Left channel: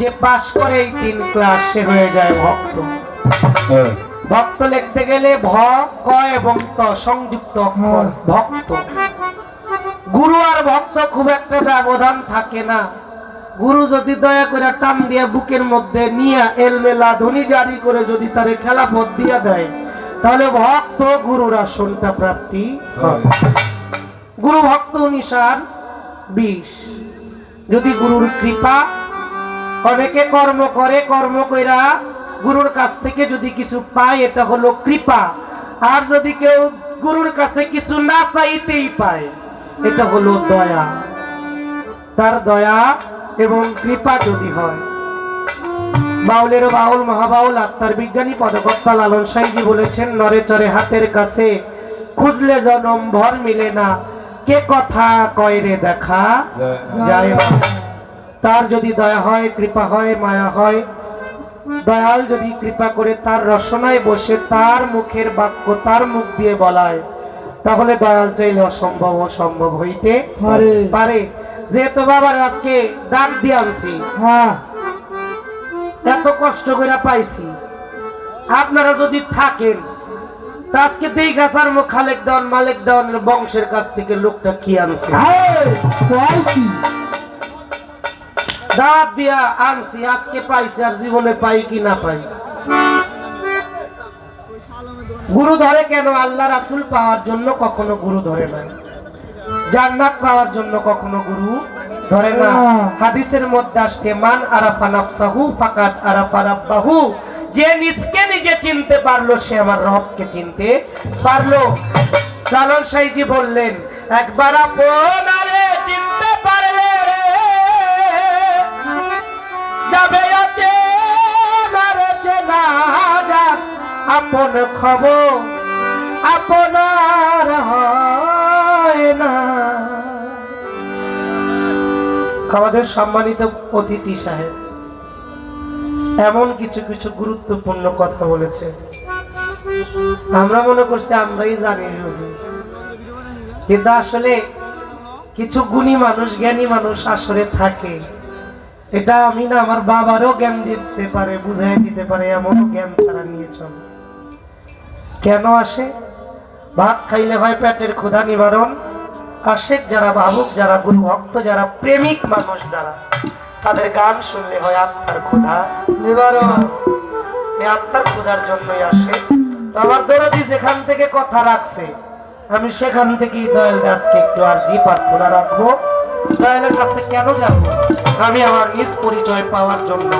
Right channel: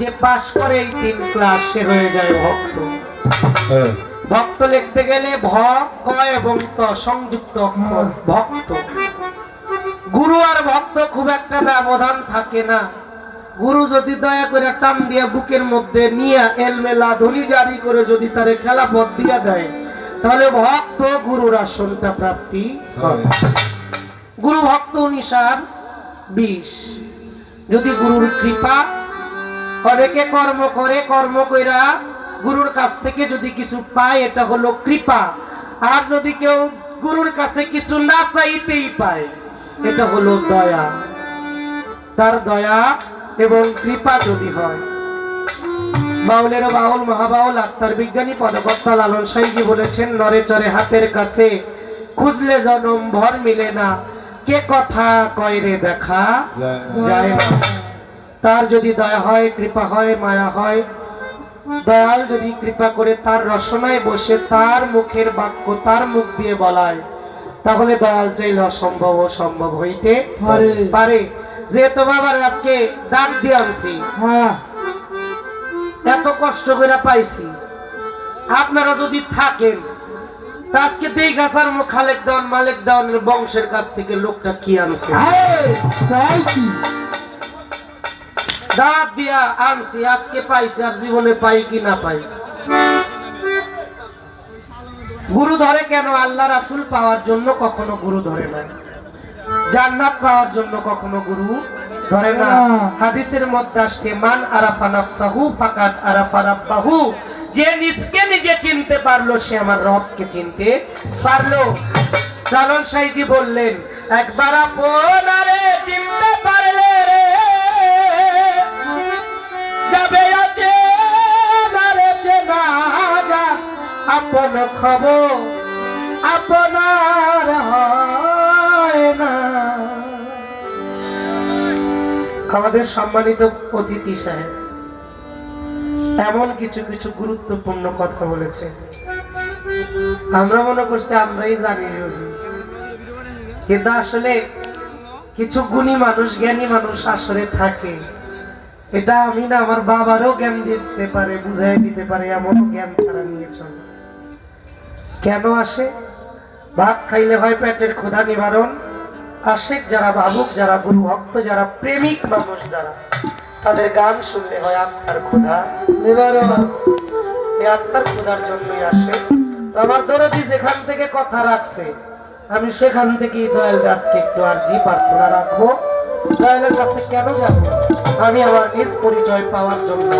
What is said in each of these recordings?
যে পাশ করে এই 3 ক্লাস সে হয়ে যায় ভক্ত। ভক্ত লিখতে গেলে ভ, ক এবং ত সংযুক্ত অক্ষর ভক্ত। গুরু আর ভক্ত খুব একটা ব্যবধান থাকে না। গুরু যদি দয়া করে টান দিয়া বুকের মধ্যে নিয়ে এলমেলা ধ্বনি জারি করে যদি তারে খেলাফত দিয়া দেয়, তাহলে ভক্ত গুরুর আসনটা প্রাপ্তি হয়। গুরু ভক্ত 19-20। যদি গুরুর কৃপা, অনেকে কর্ম করে, কর্ম কইরা গুরুর কাছ থেকে যদি কিছু পায়, এটা হলো কৃপা। আর যদি কেউ গুরুর কাছে কিছু না চাইতেই পায়, এটা হলো দয়া। তার দয়া এবং কৃপা যদি হয়। বাউলের বাউল মহাবাউল আত্মার বিজ্ঞানী পদকর্তা লালন সাইজি বলেছেন, নরে চরে হাতের কাছে খুঁজলে জনম ভর মিলে না, কে কথা কয় রে দেখা যায় না। তার যদি দয়া হয়, কৃপা হয়, মায়া হয়, দয়াল যদি কৃপা করে তার রসনায় বসে তার মুখের বাক্য তার মুখ দিয়ে বলায়, তাহলে দয়াল চাইলে অসম্ভব ও সম্ভব হইতে পারে। যেহেতু বাবার আজকে ডাক দিয়ে আনছি, এত কষ্ট করে পাইছি, আপনারা যদি থাকেন আজকে দেই গাছার মুখ খালেক দেওয়ান মালিক দেওয়ানের বংশের কাছ থেকে লোকটা কি আনছে, দাঁত দিয়া আনছি, আজকে পাইছি আর জীবনে পাই কি না পাই। গুরু ধরে কেন? আল্লাহ রাসূল পাওয়ার জন্য কখনো গুরু ধরে না, জান্নাত পাওয়ার জন্য কখনো গুরু ধরে না। হাদিসের মধ্যে আসছে, মান আরাফা নাফসাহু ফাকাদ আরাফা রাব্বাহু, যে নিজকে নিজে চিনতে পারলো সে আমার রবকে চিনতে পারলো। লালন সাইজি বললেন, একবার আপনারে চিনতে পারলে যাবে আছে মারে চেনা যা, আপন খবর আপনার হয় না। আমাদের সম্মানিত অতিথি সাহেব এমন কিছু কিছু গুরুত্বপূর্ণ কথা বলেছে, আমরা মনে করছি আমরাই জানি, কিন্তু আসলে কিছু গুণী মানুষ, জ্ঞানী মানুষ আসলে থাকে। এটা আমি না, আমার বাবারও জ্ঞান দিতে পারে, বুঝাই দিতে পারে, এমন জ্ঞান তারা নিয়ে চলে। কেন আসে? ভাত খাইলে হয় পেটের ক্ষুধা নিবারণ। আশেক যারা, ভাবুক যারা, গুরু ভক্ত যারা, প্রেমিক মানুষ যারা, তাদের গান শুনলে হয় আত্মার ক্ষুধা নিবারণ। এই আত্মার ক্ষুধার জন্যই আসে। তো আমার দরদি যেখান থেকে কথা রাখছে, আমি সেখান থেকেই দয়াল রাজকে একটু আরজি প্রার্থনা রাখবো। দয়ালের কাছে কেন যাব? আমি আমার নিজ পরিচয় পাওয়ার জন্য।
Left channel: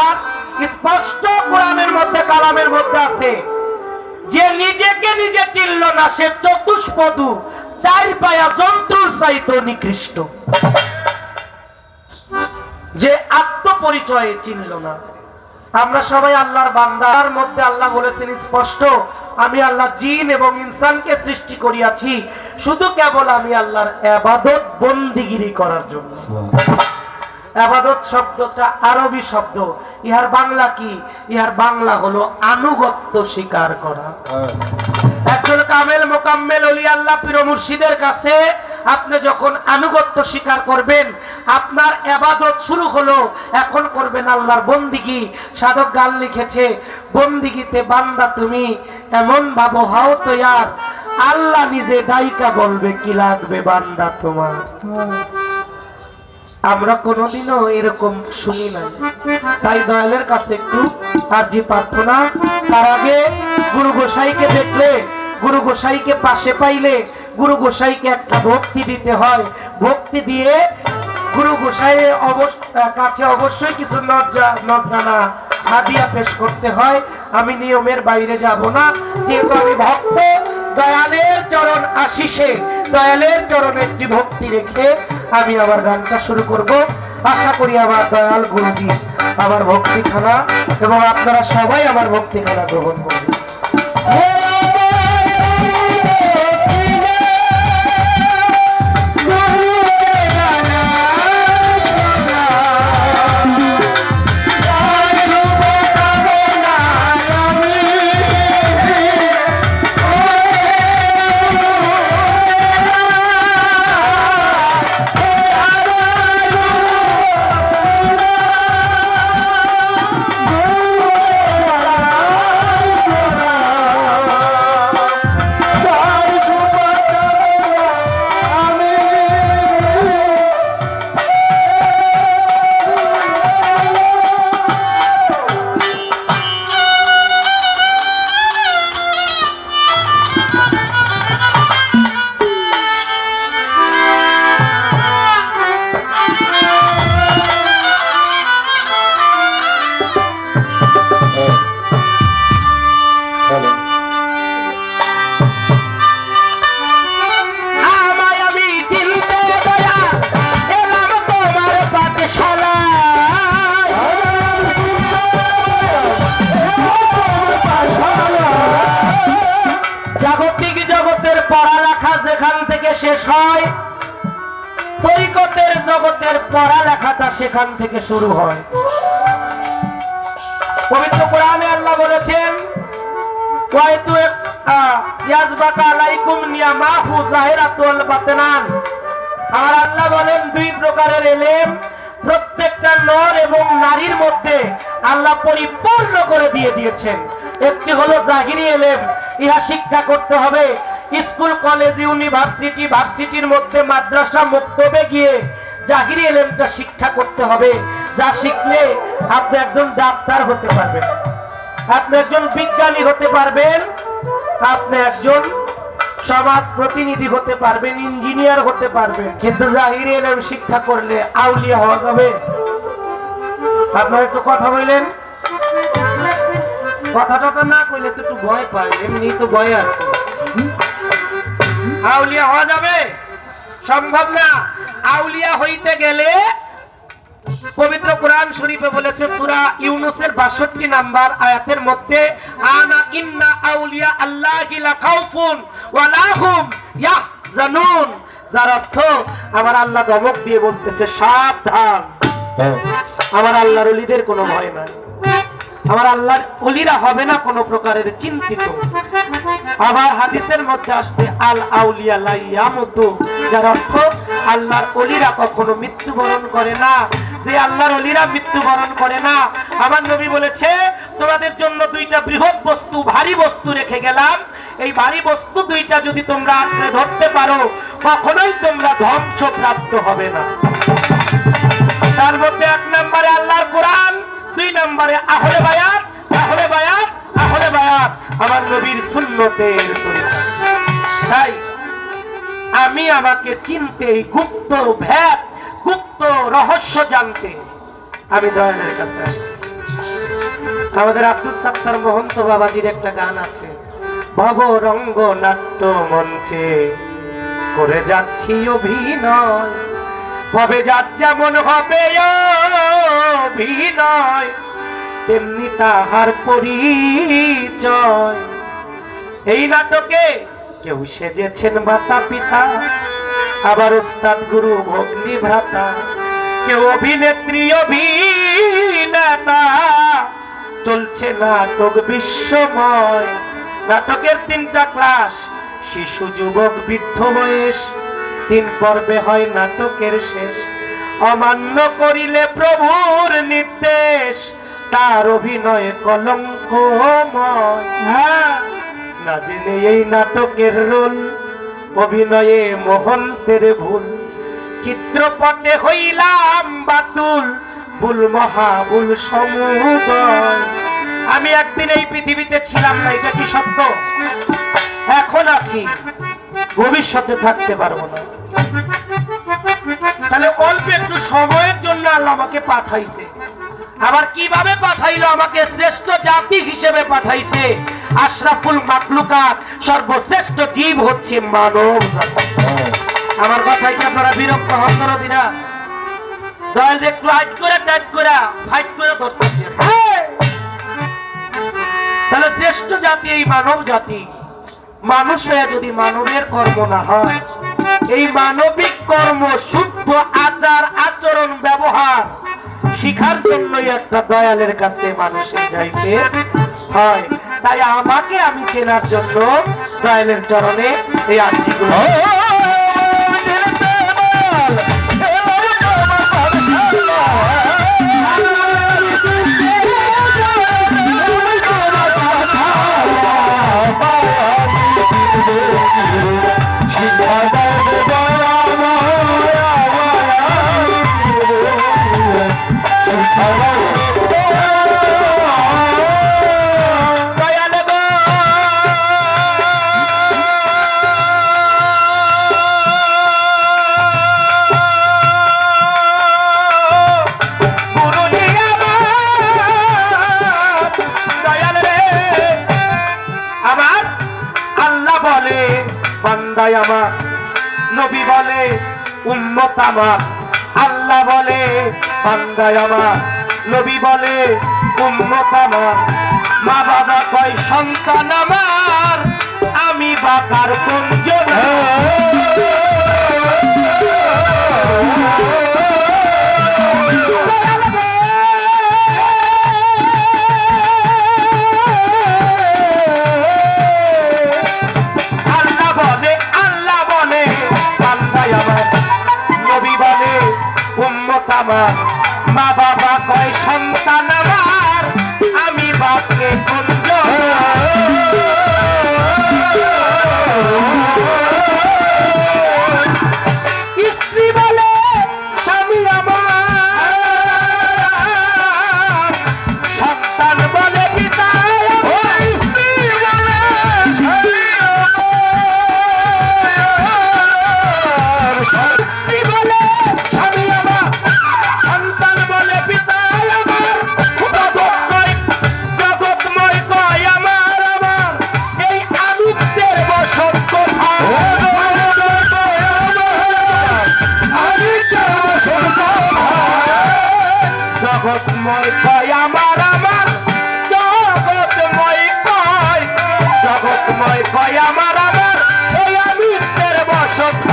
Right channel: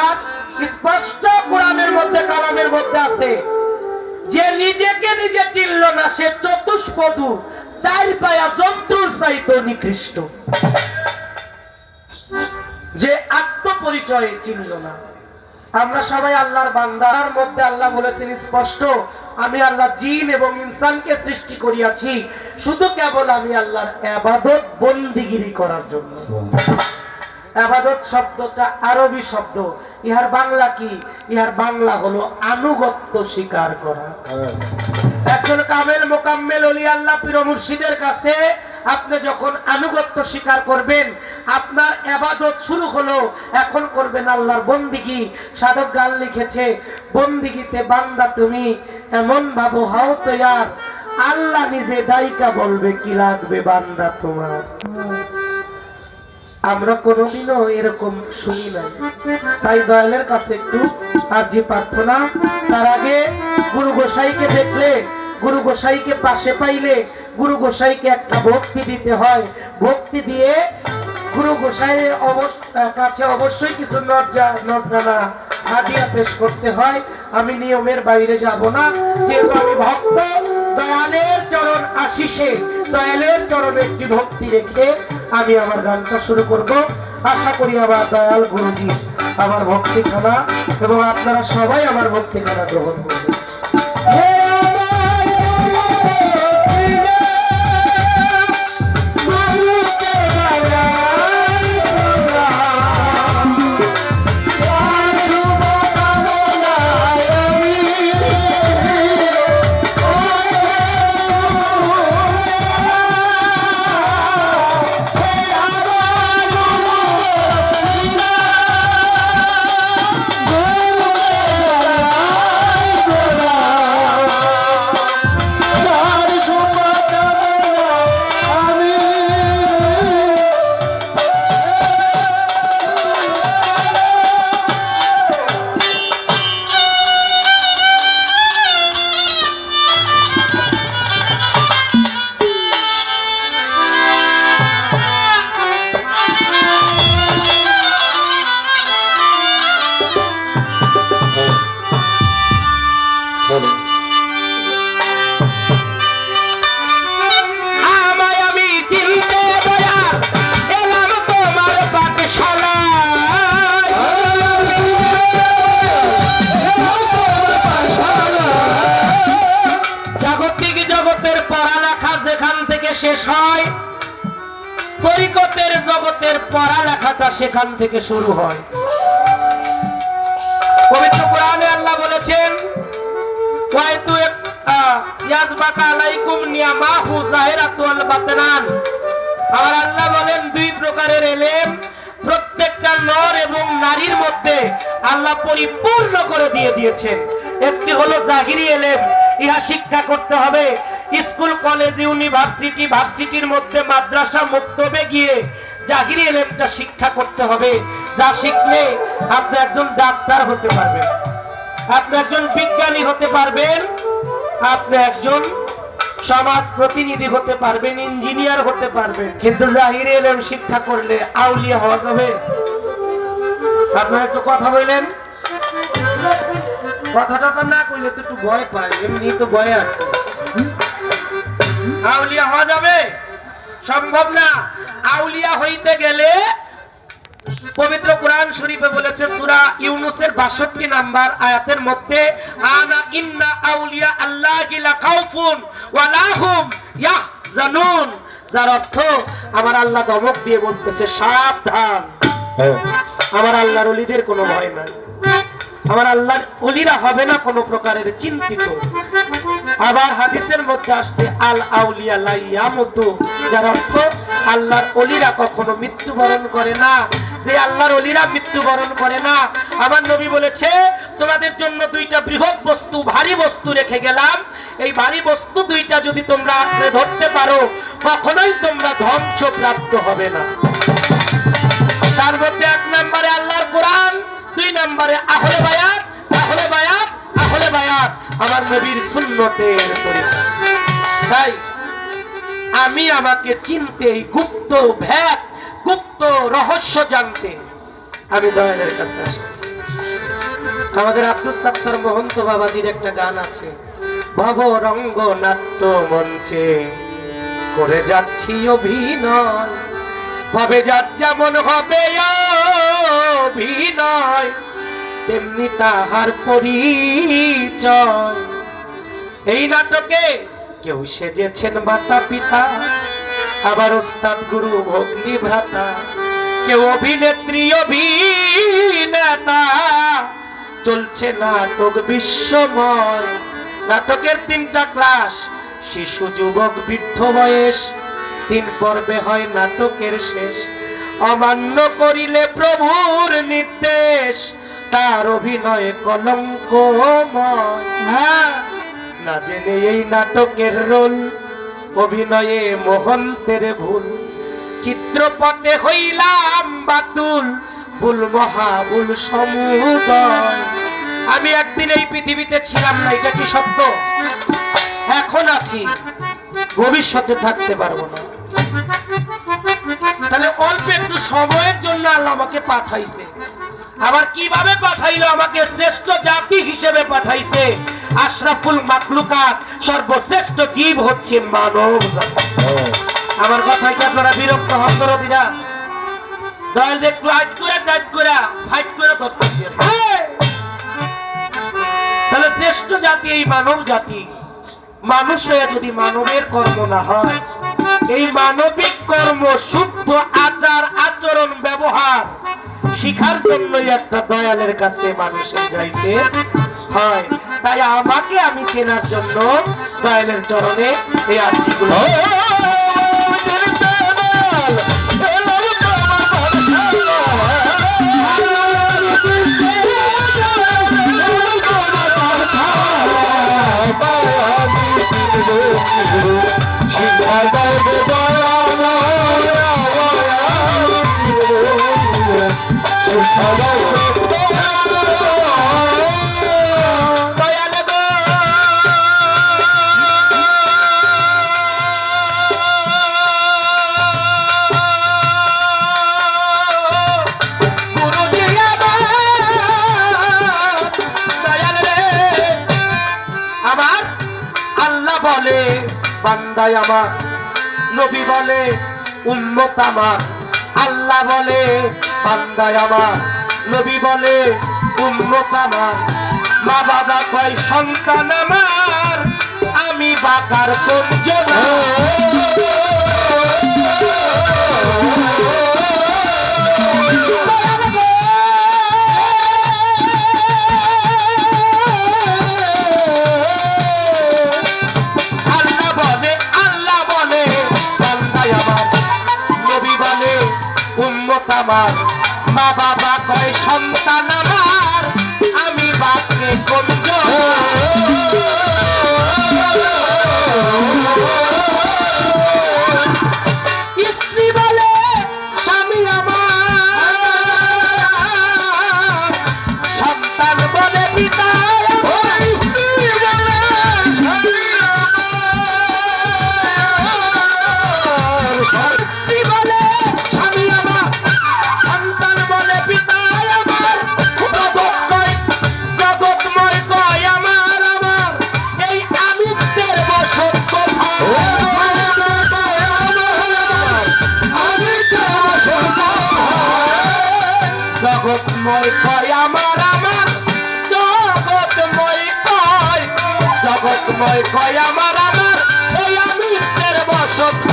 আর স্পষ্ট কোরআনের মধ্যে, কালামের মধ্যে আছে, যে নিজেকে নিজে চিনল না সে চতুষ্পদু, 4 পায়া জন্তুর চাইতে নিকৃষ্ট। যে আত্মপরিচয় চিনল না। আমরা সবাই আল্লাহর বান্দার মধ্যে আল্লাহ বলেছেন স্পষ্ট, আমি আল্লাহ জিন এবং ইনসানকে সৃষ্টি করিয়াছি শুধু কেবল আমি আল্লাহর ইবাদত বন্দিগিরি করার জন্য। ইবাদত শব্দটা আরবি শব্দ, ইহার বাংলা কি? ইহার বাংলা হলো আনুগত্য স্বীকার করা। একজন কামেল মোকাম্মেল ওলি আল্লাহ পীর মুর্শিদের কাছে আপনি যখন আনুগত্য স্বীকার করবেন, আপনার ইবাদত শুরু হলো। এখন করবেন আল্লাহর বন্দিগি। সাধক গান লিখেছে, বন্দিগিতে বান্দা তুমি এমন ভাবো হাও তৈয়ার, আল্লাহ নিজে ডাইকা বলবে কি লাগবে বান্দা তোমার। আমরা কোনোদিনও এরকম শুনি না। তাই দয়ালের কাছে একটু আরজি প্রার্থনা। তার আগে গুরু গোসাইকে দেখলে, গুরু গোসাইকে পাশে পাইলে, গুরু গোসাইকে একটা ভক্তি দিতে হয়। ভক্তি দিয়ে গুরু গোসাইয়ের কাছে অবশ্যই কিছু নজরানা হাদিয়া পেশ করতে হয়। আমি নিয়মের বাইরে যাব না, যেহেতু আমি ভক্ত। দয়ালের চরণ আশিসে, দয়ালের চরণে একটি ভক্তি রেখে আমি আমার গানটা শুরু করব। আশা করি আমার দয়াল গুরুজি আমার ভক্তিখানা এবং আপনারা সবাই আমার ভক্তিখানা গ্রহণ করবেন। শেষ হয়, তরিকতের জগতের পড়ালেখাটা সেখান থেকে শুরু হয়। পবিত্র কোরআনে আল্লাহ বলেছেন, ওয়াইতু ইয়াজবাকা আলাইকুম নিয়ামাহু যাহিরাতুল বাতিনান। আর আল্লাহ বলেন, দুই প্রকারের ইলম প্রত্যেকটা নর এবং নারীর মধ্যে আল্লাহ পরিপূর্ণ করে দিয়েছেন। একটি হলো জাহিরি ইলম, ইহা শিক্ষা করতে হবে স্কুল কলেজ ইউনিভার্সিটি, ভার্সিটির মধ্যে মাদ্রাসা মক্তবে গিয়ে জাহিরি ইলমটা শিক্ষা করতে হবে, যা শিখলে আপনি একজন ডাক্তার হতে পারবেন, আপনি একজন বিজ্ঞানী হতে পারবেন, আপনি একজন সমাজ প্রতিনিধি হতে পারবেন, ইঞ্জিনিয়ার হতে পারবেন। কিন্তু জাহিরি ইলম শিক্ষা করলে আউলিয়া হওয়া যাবে? আপনারা একটু কথা বললেন, কথাটা তো না কইলে তো একটু ভয় পায়, এমনি তো ভয় আছে। আউলিয়া হওয়া যাবে? সম্ভব না। আউলিয়া হইতে গেলে পবিত্র কোরআন শরীফে বলেছে, সূরা ইউনূসের 62 নাম্বার আয়াতের মধ্যে, আনা ইন্না আউলিয়া আল্লাহি লা খাউফুন ওয়া লা হুম ইয়াহজানুন, যার অর্থ আমার আল্লাহ ধমক দিয়ে বলতেছে, সাবধান, আমার আল্লাহর ওলিদের কোনো ভয় নাই, আমার আল্লাহর ওলিরা হবে না কোনো প্রকারের চিন্তিত। আবার হাদিসের মধ্যে আসছে, আল আউলিয়া লা ইয়ামুতু, যার অর্থ আল্লাহর ওলিরা কখনো মৃত্যুবরণ করে না। যে আল্লাহর ওলিরা মৃত্যুবরণ করে না, আমার নবী বলেছে, তোমাদের জন্য দুইটা বৃহৎ বস্তু, ভারী বস্তু রেখে গেলাম, এই ভারী বস্তু দুইটা যদি তোমরা আঁকড়ে ধরতে পারো, কখনোই তোমরা ধ্বংসপ্রাপ্ত হবে না। তার মধ্যে 1 নম্বরে আল্লাহর কোরআন, 2 নম্বরে আহলে বায়াত, আহলে বায়াত, আহলে বায়াত, আমার নবীর সুন্নতের তরিকা। তাই আমি আমাকে চিনতে, গুপ্ত ভেদ, গুপ্ত রহস্য জানতে আমি দয়ালের কাছে আসি। আমাদের আব্দুল সাত্তার মহন্ত বাবাজির একটা গান আছে, ভবরঙ্গ নাট্য মঞ্চে করে যাচ্ছি অভিনয়, ভবে যার যেমন হবে অভিনয়, তেমনি তাহার পরিচয়। এই নাটকে কেউ সেজেছেন মাতা পিতা, আবার ওস্তাদ গুরু ভগ্নী ভ্রাতা, কেউ অভিনেত্রী অভিনেতা, চলছে নাটক বিশ্বময়। নাটকের 3টা ক্লাস, শিশু যুবক বৃদ্ধ বয়স, 3 পর্বে হয় নাটকের শেষ। অমান্য করিলে প্রভুর নির্দেশ, তার অভিনয়ে কলঙ্কময়। না জেনে এই নাটকের রোল, অভিনয়ে মহন্তের ভুল, চিত্রপটে হইলাম বাতুল, ভুল মহাভুল সমুদয়। আমি একদিন এই পৃথিবীতে ছিলাম না, এটা কি সত্য? এখন আছি, ভবিষ্যতে থাকতে পারবো না। তাহলে অল্প একটু সময়ের জন্য আল্লাহ আমাকে পাঠাইছে। আবার কিভাবে পাঠাইলো? আমাকে শ্রেষ্ঠ জাতি হিসেবে পাঠাইছে। আশরাফুল মাখলুকাত, সর্বশ্রেষ্ঠ জীব হচ্ছে মানব জাতি। আমার কথায় কি আপনারা বিরক্ত হন করো দিনা? দয়াল একটু হাইট করে টাইট করে ফাইট করে ধরতেছে। তাহলে শ্রেষ্ঠ জাতি এই মানব জাতি। মানুষ হয়ে যদি মানবের কর্ম না হয়, এই মানবিক কর্ম, শুদ্ধ আচার আচরণ ব্যবহার শিখার জন্যই একটা দয়ালের কাছে মানুষের যাইতে হয়। তাই আমাকে আমি চেনার জন্য দয়ালের চরণে এই আর্জিগুলো। বান্দায় আমার, নবী বলে উম্মত আমার। আল্লাহ বলে বান্দায় আমার, নবী বলে উম্মত আমার। মা বাবা কয় সন্তান আমার, আমি বাবার কোন জন্য জগৎময় কয় আমার আমার জগৎময় কয় জগৎময় কয় আমার আমার ওই আমি তের বসত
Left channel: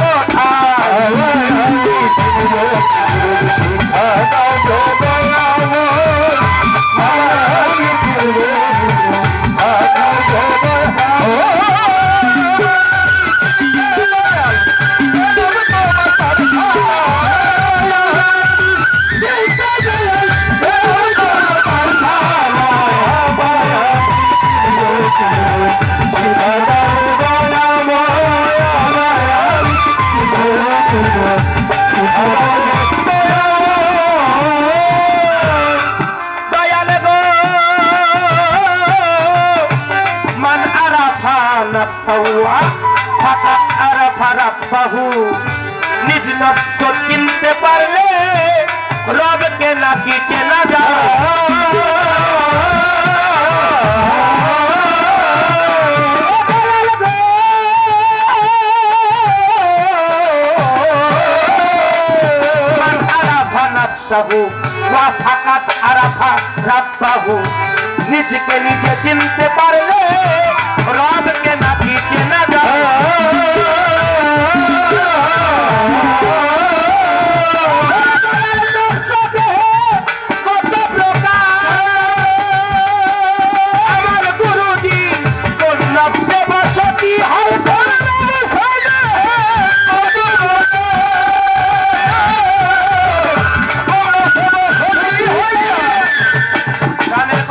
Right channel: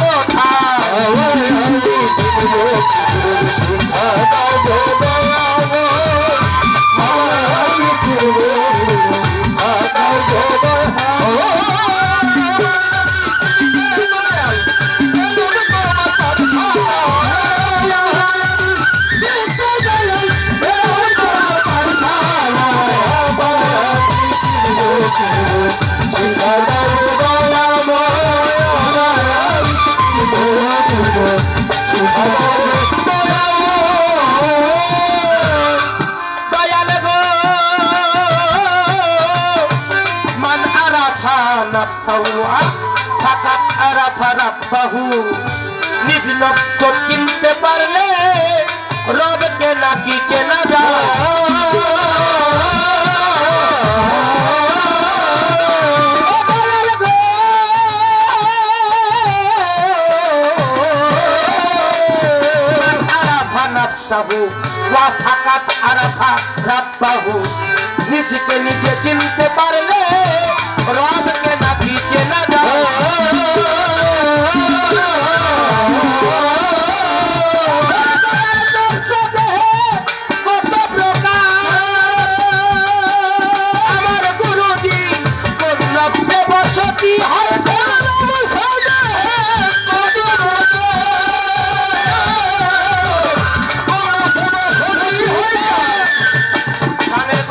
নিজ নষ্ট চিনতে পারলে রবকে নাকি চেনা যায় নিজকে নিজে চিনতে পারলে রবকে নাকি চেনা যায় আমার গুরুজি কন্যা বসতি হয়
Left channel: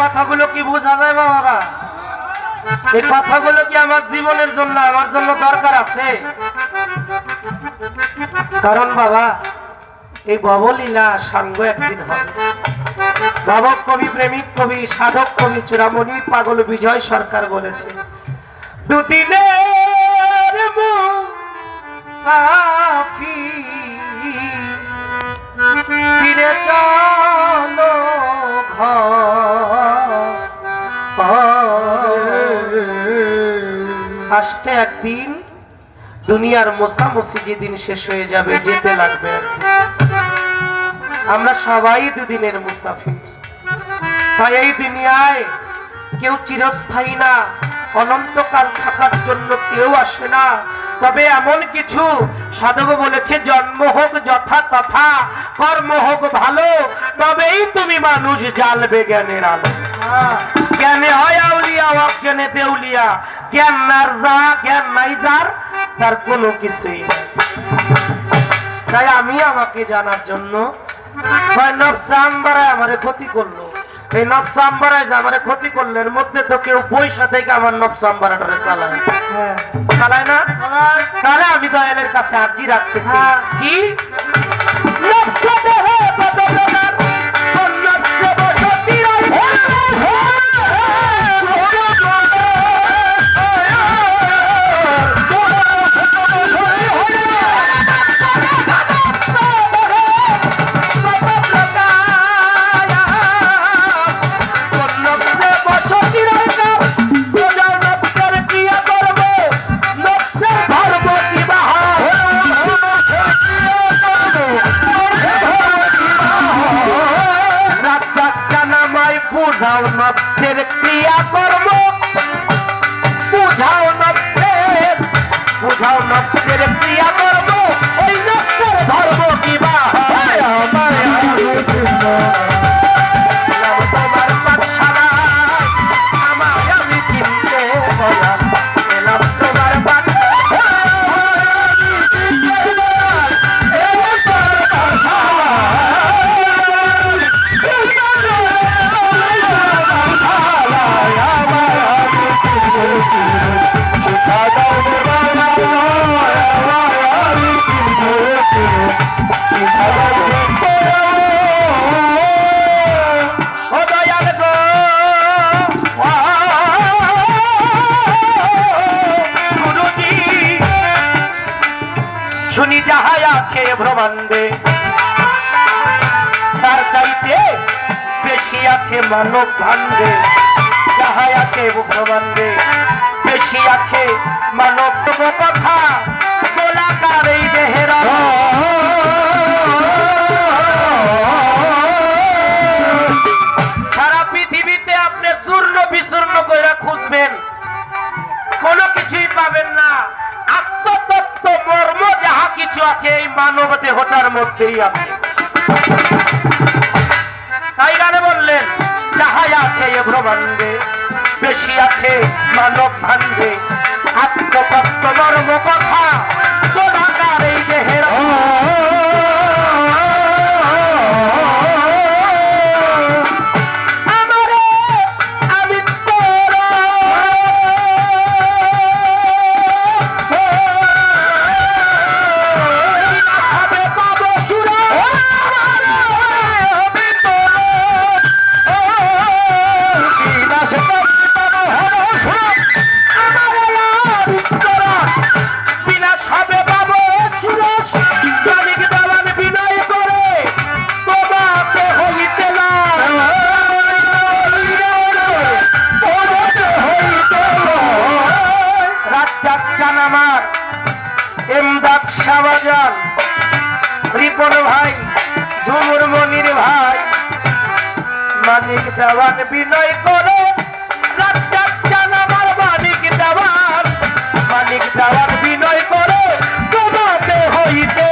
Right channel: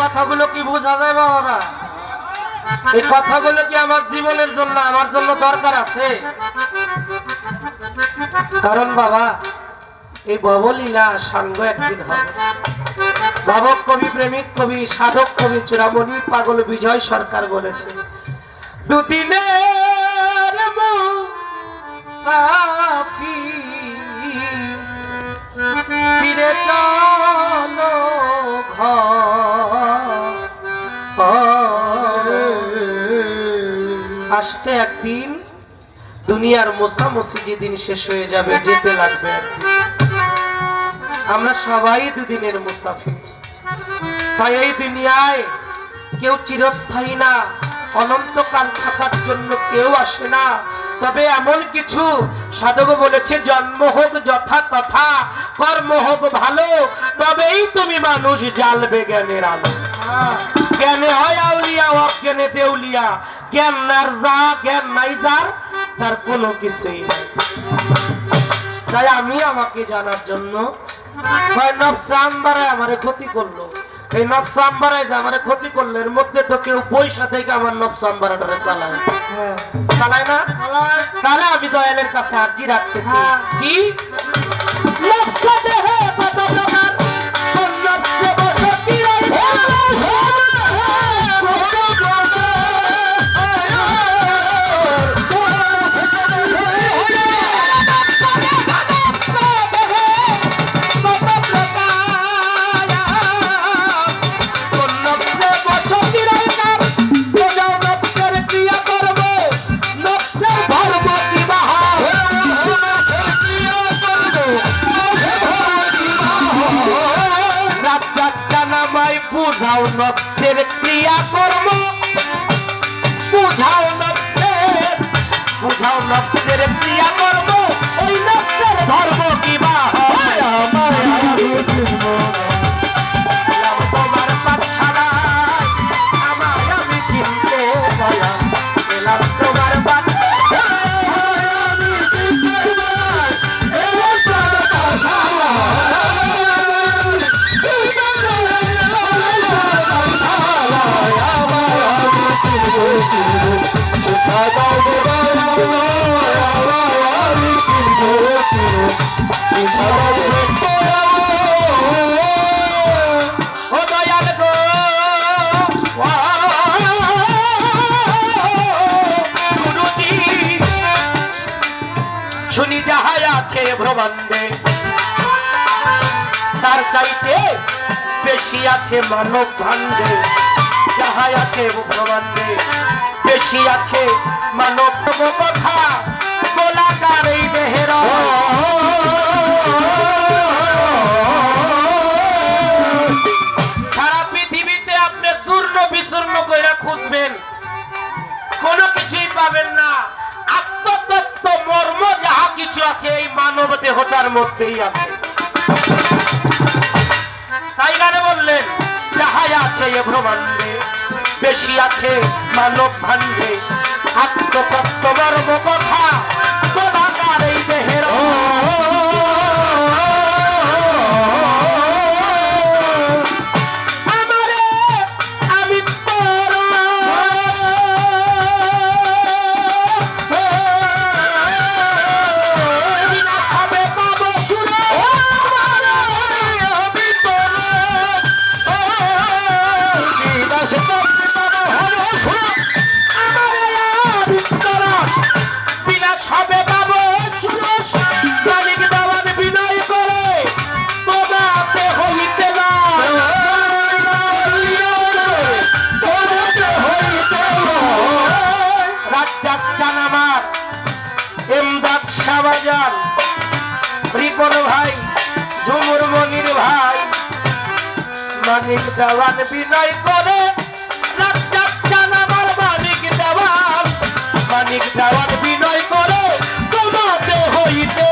কথাগুলো কি বোঝা যাবে ওরা? এই কথাগুলো কি আমার জীবনের জন্য আমার জন্য দরকার আছে? কারণ বাবা এই ভবলীলা সাঙ্গ একদিন হবে। ভাবক কবি, প্রেমিক কবি, সাধক কবি চূড়ামণি পাগল বিজয় সরকার বলেছে, দুদিনের মুসাফির ফিরে চলো আসতে একদিন দুনিয়ার মোছামুছি যেদিন শেষ হয়ে যাবে, যেতে লাগবে একদিন। আমরা সবাই দুদিনের মুসাফির। তাই এই দুনিয়ায় কেউ চিরস্থায়ী না, অনন্তকাল থাকার জন্য কেউ আসে না। তবে এমন কিছু সাধক বলেছে, জন্ম হোক যথা তথা, কর্ম হোক ভালো, তবেই তুমি মানুষ জ্বালবে জ্ঞানের আলো। জ্ঞানে হয় আউলিয়া, অজ্ঞানে দেউলিয়া। জ্ঞান নার যা, জ্ঞান নাই যার, তার কোনো কিছুই নাই। তাই আমি আমাকে জানার জন্য আমারে ক্ষতি করলো, এই নবসাম্বারায় যে আমারে ক্ষতি করলো, এর মধ্যে তো কেউ পয়সা থেকে আমার নবসাম্বারাটারে চালায় চালায় না। তাহলে আমি দয়ালের কাছে আর্জি রাখতেছি কি বুঝাও নবসের ক্রিয়া কর্ম, বুঝাও নবসের ক্রিয়া কর্ম, ওই নবসের ধর্ম কি বা তোমার পাঠশালা আমায় আমি চিনতে বললাম, এলাম তোমার শুনি যাহাই আছে ব্রহ্মাণ্ডে, তার চাইতে বেশি আছে মানব ভাণ্ডে। যাহাই আছে ব্রহ্মাণ্ডে, বেশি আছে মানব কথা, গোলাকার এই দেহের মধ্যেই আছে। তাই গানে বললেন, যাহাই আছে এ ব্রহ্মাণ্ডে, বেশি আছে মানব ভাণ্ডে, আত্মতত্ত্ব মর্ম কথা গোলাকার এই দেহের রিপন ভাই, ঝুমুর মনির ভাই, মানিক দেওয়ান বিনয় করে, রাজ্জাক চান আমার মানিক দেওয়ান, মানিক দেওয়ান বিনয় করে, তোমাতে হইতে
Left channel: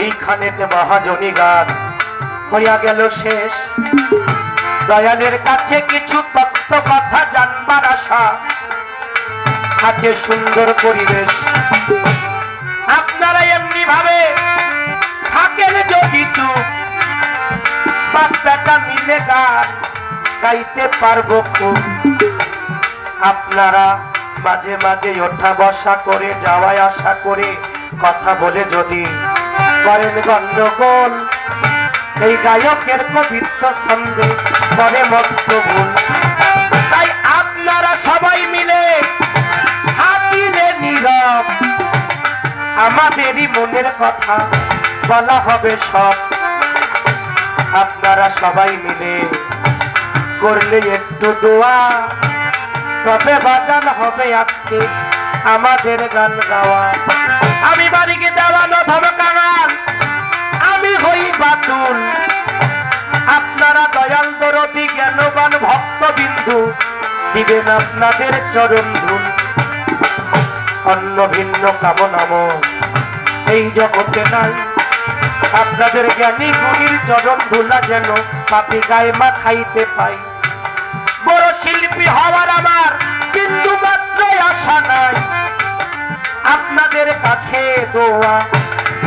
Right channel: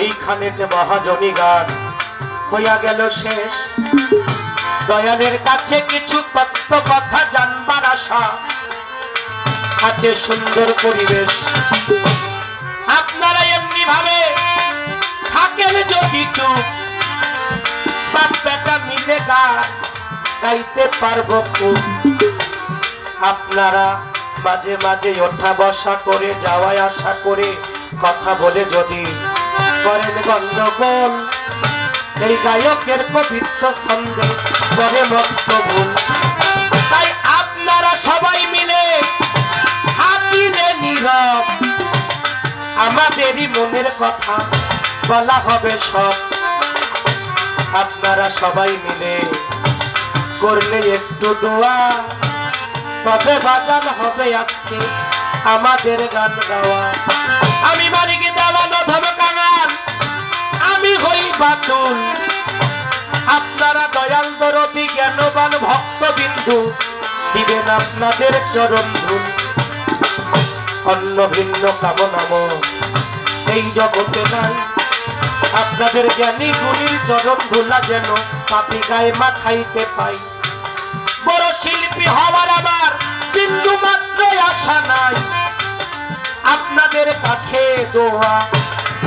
এইখানেতে মহাজনী গান হইয়া গেল শেষ। দয়ালের কাছে কিছু তত্ত্ব কথা জানবার আশা আছে, সুন্দর পরিবেশ। আপনারা এমনি ভাবে থাকেন যদি চুপ, বাচ্চাটা মিলে গান গাইতে পারবো খুব। আপনারা মাঝে মাঝে ওঠা বসা করে, যাওয়ায় আসা করে, কথা বলে যদি করেন গন্ডগোল, এই গায়কের কবিত্ব ছন্দে করে মস্ত ভুল। তাই আপনারা সবাই মিলে থাকিলে নীরব, আমাদেরই মনের কথা বলা হবে সব। আপনারা সবাই মিলে করলে একটু দোয়া, তবে বাজান হবে আজকে আমাদের গান গাওয়া। আমি বাড়িকে দেওয়া নধম কাঙাল, আমি হই বাতুল। আপনারা দয়াল দরদি জ্ঞানবান ভক্তবিন্দু দিবেন আপনাদের চরণ ধুল। অন্য ভিন্ন কামনাম এই জগতে নাই, আপনাদের জ্ঞানী গুণীর চরণ ধুলা যেন পাপি গায়ে মাখাইতে পাই। বড় শিল্পী হওয়ার আমার বিন্দু মাত্র আশা নাই, আপনাদের কাছে দোয়া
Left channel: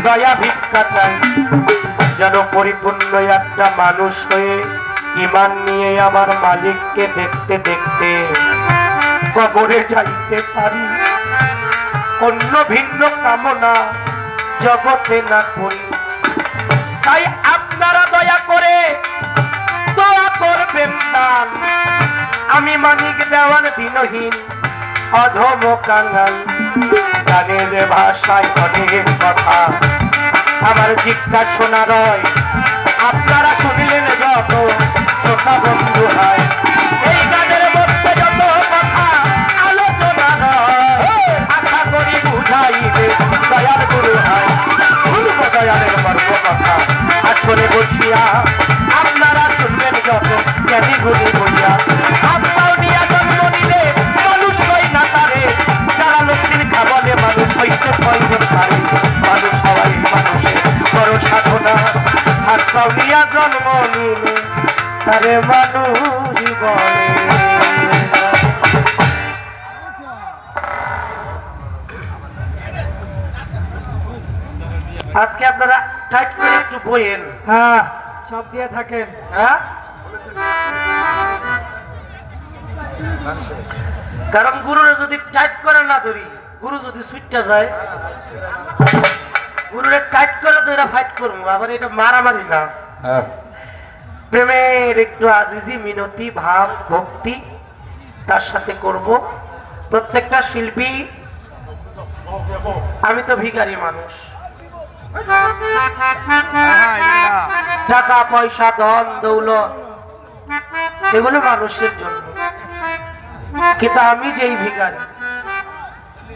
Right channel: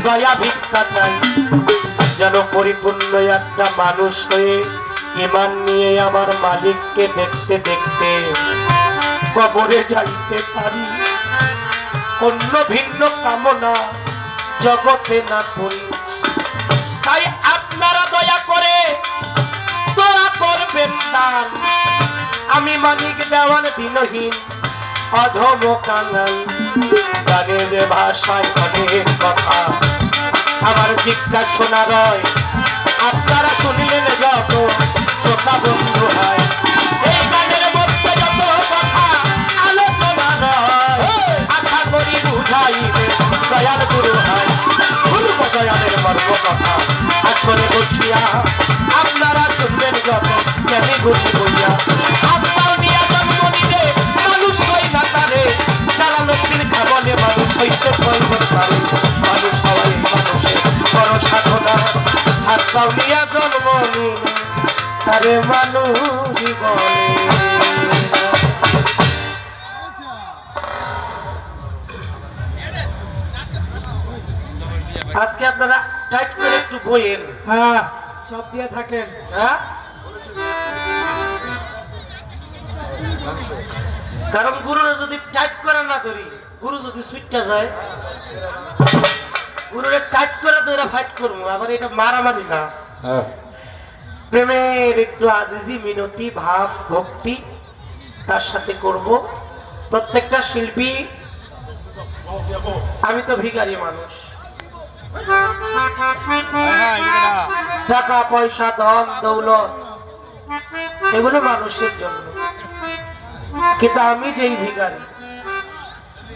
দয়া ভিক্ষা চাই, যেন পরিপূর্ণ একটা মানুষ হয়ে ঈমান নিয়ে আমার মালিককে দেখতে দেখতে কবরে যাইতে পারি। অন্য ভিন্ন কামনা জগতে না করি। তাই আপনারা দয়া করে দোয়া করবেন দান। আমি মানিক দেওয়ান দিনহীন অধম কাঙাল, গানের ভাষায় অনেক কথা আমার জিজ্ঞাসা শোনা রয়। আপনারা শুনলেন যত শ্রোতা বন্ধু হয়, এই গানের মধ্যে যত কথা আলোচনা নয়, আশা করি বুঝাইবে দয়াল গুরু হয়। পূর্ব দয়ালের মর্ম কথা আসলে বসিয়া আপনারা শুনবেন যত জ্ঞানী গুরু বইয়া। আপনাও নিয়া জন্ম নিলে মানুষ হই না তারে, যারা লক্ষ্মীর খাবলে মানুষ হইতে প্রয়োজন পারে। মানুষ হওয়াই মানুষের বড় সাধনা, আর কাউনিয়া জন্ম নিলে তারে মানুষ বলে। আজকে আপনারা টাইট করে একটু বইয়েন। হ্যাঁ, সব দিয়ে থাকেন। হ্যাঁ, কারণ গুরুরা যদি টাইট করে না ধরি, গুরু যদি সুইটটা যায়, গুরুরে টাইট করে তো এরা ফাইট করবো। আবার এটা মারামারি না, প্রেমের একটু আজিজি মিনতি ভাব ভক্তি তার সাথে করব। প্রত্যেকটা শিল্পী, আমি তো ভিখারি মানুষ, টাকা পয়সা ধন দৌলত এগুলো মানুষের জন্য, কিন্তু আমি যেই ভিখারি,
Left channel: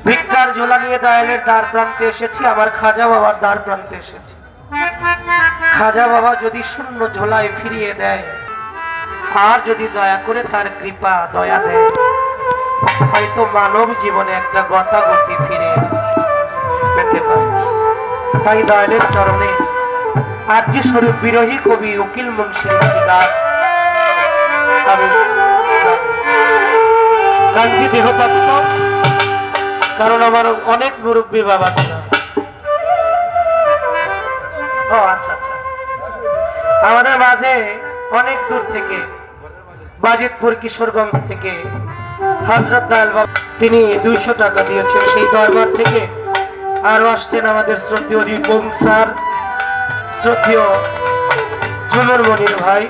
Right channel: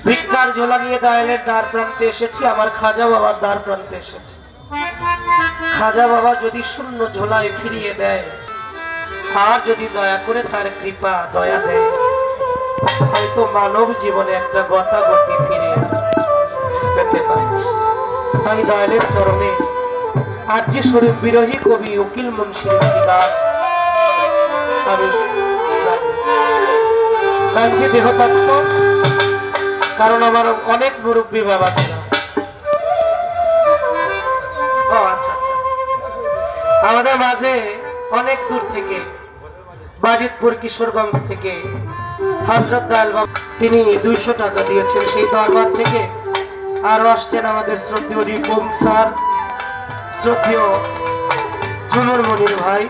ভিক্ষার ঝোলা নিয়ে দয়ালের দ্বার প্রান্তে এসেছি, আমার খাজা বাবার দ্বার প্রান্তে এসেছি। খাজা বাবা যদি শূন্য ঝোলায় ফিরিয়ে দেয়, আর যদি দয়া করে তার কৃপা দয়া দেয়, হয়তো মানব জীবনে একটা গতাগতি ফিরে পেতে পারে। তাই দয়ালের চরণে আর্য স্বরূপ বিরোহী কবি উকিল মুন্সির গান আমি গানটি দেহতত্ত্ব, কারণ আমার অনেক মুরব্বী বাবা ছিল। ও আচ্ছা আচ্ছা, আমাদের মাঝে অনেক দূর থেকে, বাজিতপুর কিশোরগঞ্জ থেকে হযরত দয়াল বাবা, তিনি 200 টাকা দিয়েছেন সেই দরবার থেকে। আরো আসছেন আমাদের শ্রদ্ধেয় রিপন স্যার, শ্রদ্ধেয় ঝুমুর মনির ভাই,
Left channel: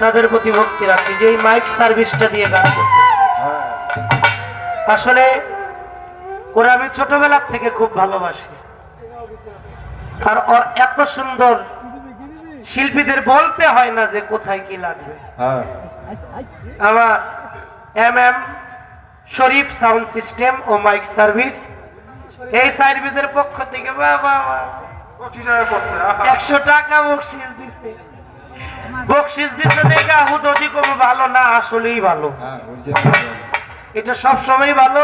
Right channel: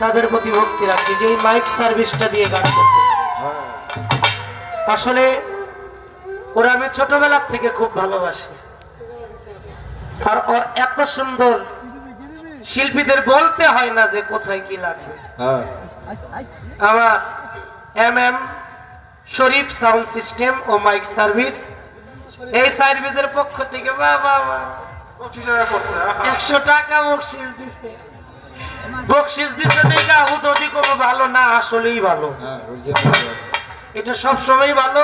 তাদের প্রতি ভক্তি রাখি যে এই মাইক সার্ভিসটা দিয়ে গান করতেছে। আসলে ওরা আমি ছোটবেলা থেকে খুব ভালোবাসি, আর ওর এত সুন্দর শিল্পীদের বলতে হয় না যে কোথায় কি লাগবে। আমার MM শরীফ সাউন্ড সিস্টেম ও মাইক সার্ভিস, এই সার্ভিসের পক্ষ থেকে 100 টাকা বকশিস দিছে। বকশিস দিছে দেখা হুদুদি কোনো ভালো না, আসলেই ভালো, এটা সব সময় ভালো।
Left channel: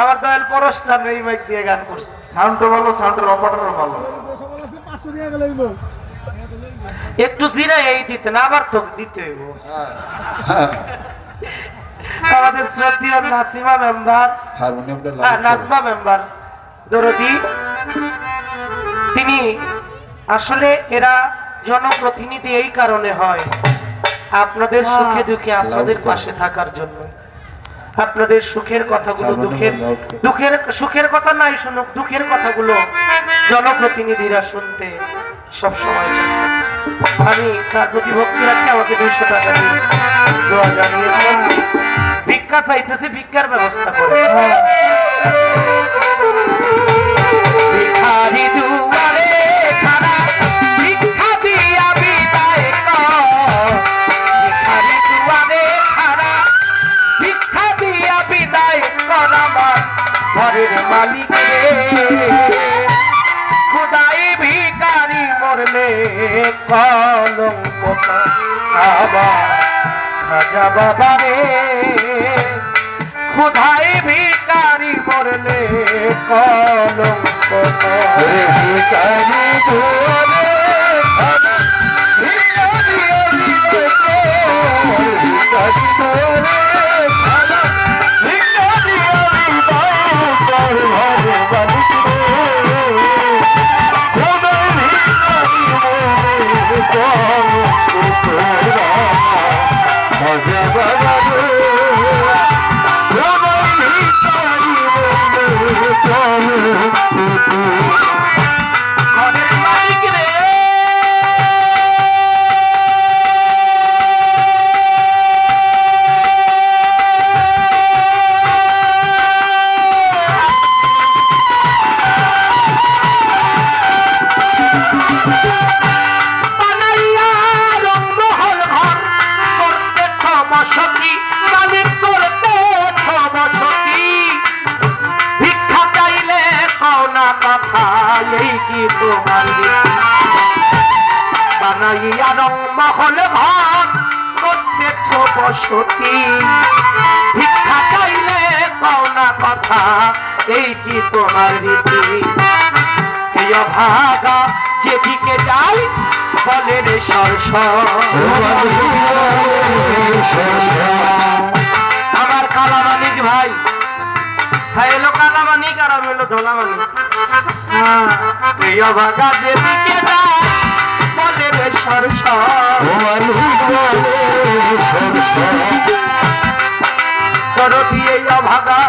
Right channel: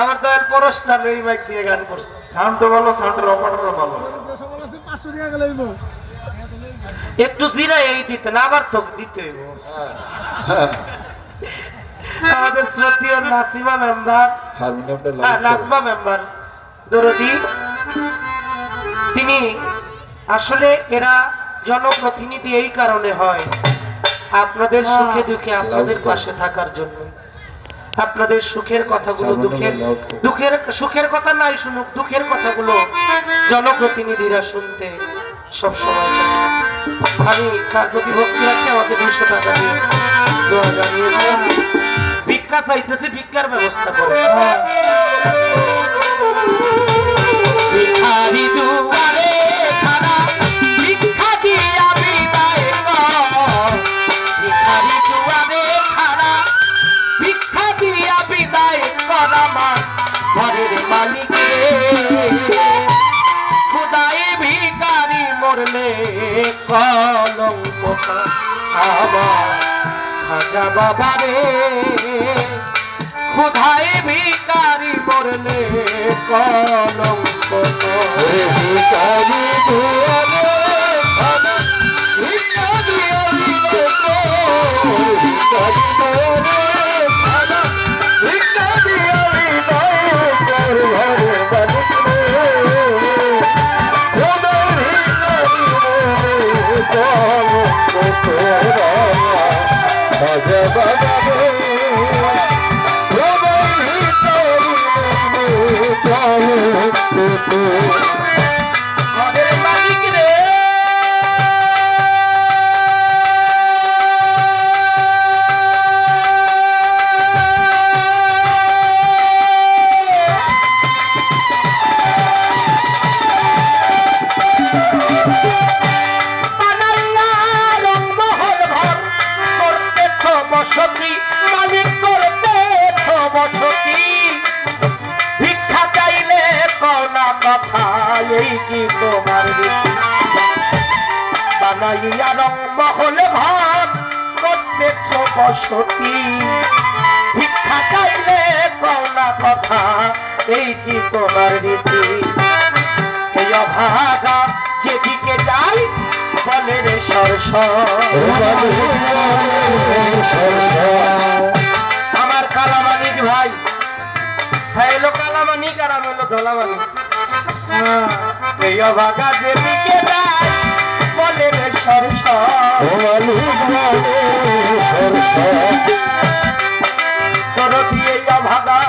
আমার দয়াল পরশ জানো এই মাইক দিয়ে গান করছে, সাউন্ড ভালো, সাউন্ডের অপারেটর ভালো। একটু জিরাই এই দিতে না, আবার তো দিতে হইব। আমাদের শ্রদ্ধেয় নাসিমা মেম্বার, নাজমা মেম্বার দরদি, তিনি আসলে এরা জনপ্রতিনিধি এই কারণে হয় আপনাদের সুখে দুঃখে আপনাদের পাশে থাকার জন্য। আপনাদের সুখের কথাগুলো, দুঃখের সুখের কথা নাই শুনুক, দুঃখের কথাগুলো জনপ্রতিনিধিরা শুনতে সবসময় চায়। আমি তার প্রতি ভক্তি রাখতে আমাকে 200 টাকা দিয়ে দোয়া জানিয়েছেন। ভিক্ষা চাইতেছে, ভিক্ষার ব্যবস্থা করে। ভিখারি দুয়ারে খাড়া, ভিক্ষা দিয়া বিদায় কর। ভিখারি দুয়ারে খাড়া, ভিক্ষা দিয়া বিদায় কর আমার ঘরের মালিক রে। খুদাই ভিখারি মরলে কলঙ্ক আবার খাজা বাবা রে। খুদাই ভিখারি মরলে কলঙ্ক ভিখারি দুয়ারে খাড়া, ভিক্ষা দিয়া বিদায় কর। ভিখারি দুয়ারে খাড়া, ভিক্ষা দিয়া বিদায় কর ঘরের মালিক ঘরের মালিক রে। ভিক্ষা চাইলে কোনা কথা, এই কি তোমার রীতি? বানাইয়া রংমহল ঘর করতেছ বসতি। ভিক্ষা চাইলে কোনা কথা, এই কি তোমার রীতি? এই অভাগা যেদিকে যাই বলে রে আমার কালামানিক ভাই, হ্যাঁ এলো কালামানিক আর আমি এলো ধলামানিক। এই অভাগা যেদিকে যাই বলে রে এই অভাগা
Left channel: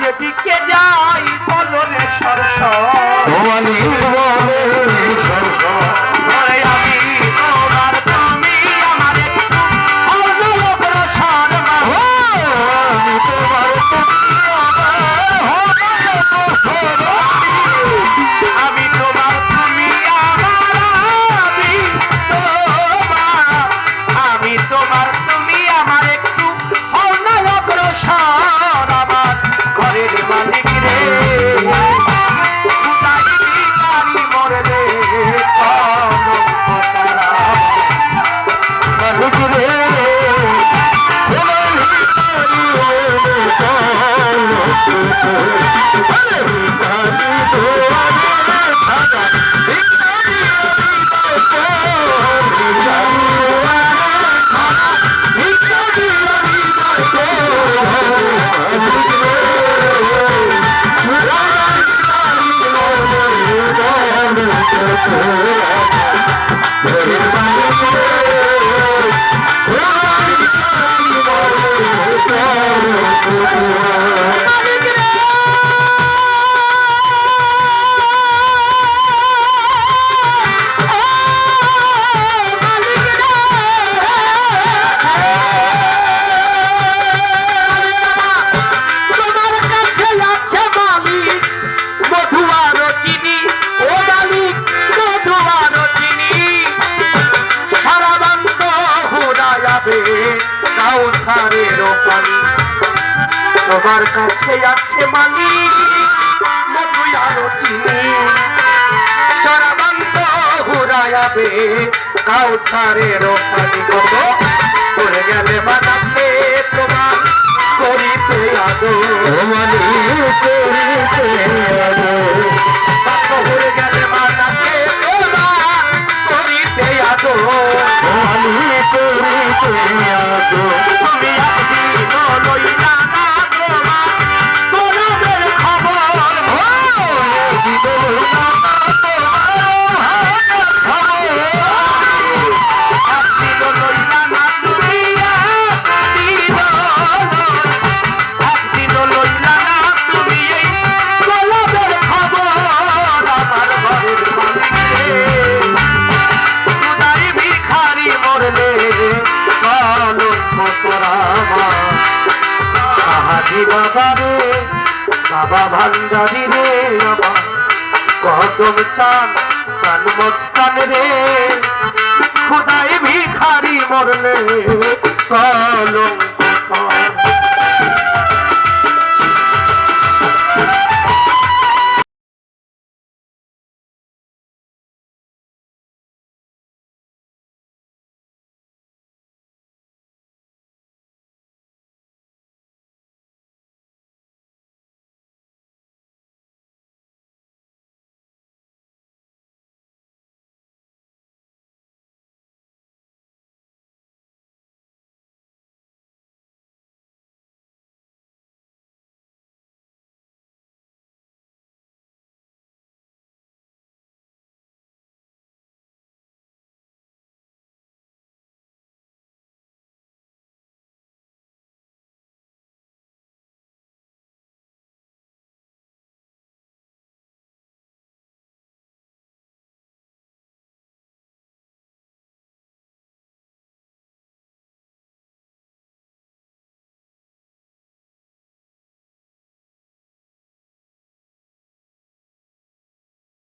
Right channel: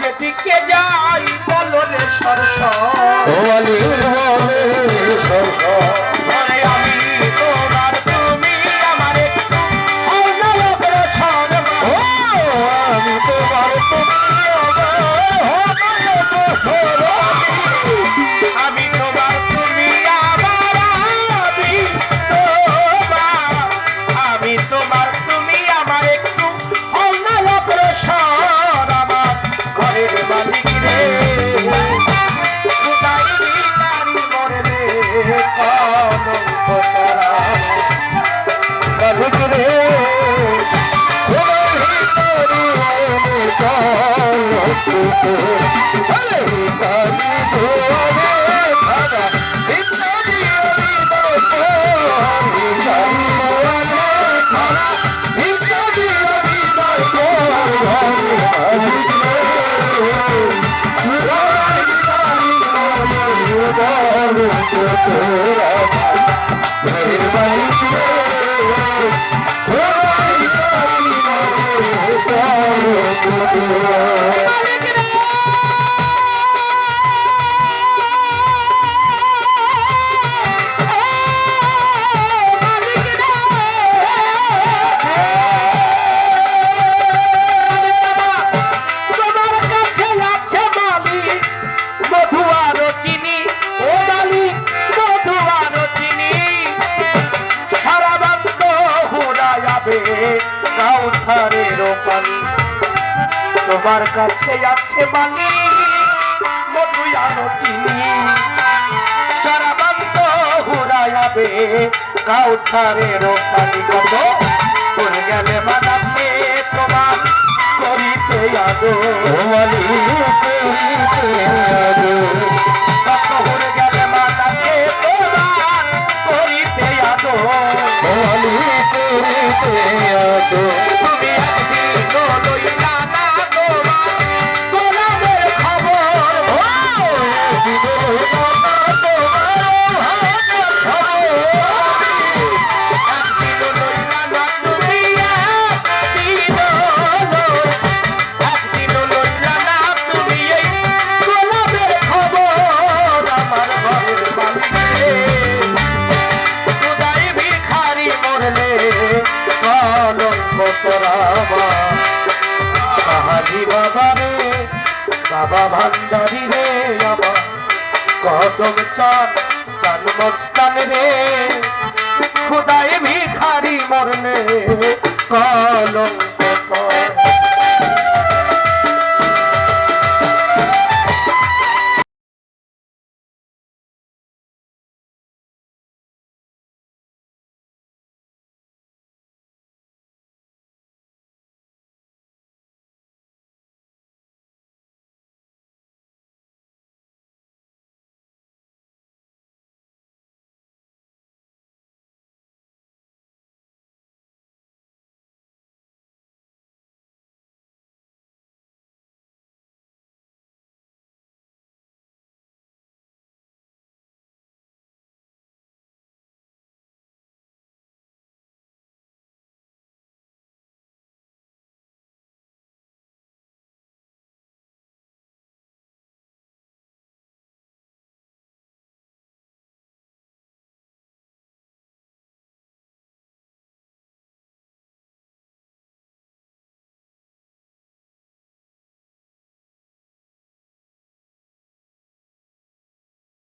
যেদিকে যাই বলো রে সরস। আমি তোমার তোমার কাছে আছে মানি মধু আরো চিনি সারা বান্ধ ঘুরাইবে কাউসারের পানি কত পড়ে গেলে মানাছে তোমার করিতে আদো পড়ে গেলে মানাছে তোমার করিতে আদো তুমি বাবারে বাবা ভান্ডারি রে আমার কদম চান চান মস্তান রে খোদায় ভিখারি মরলে কলঙ্ক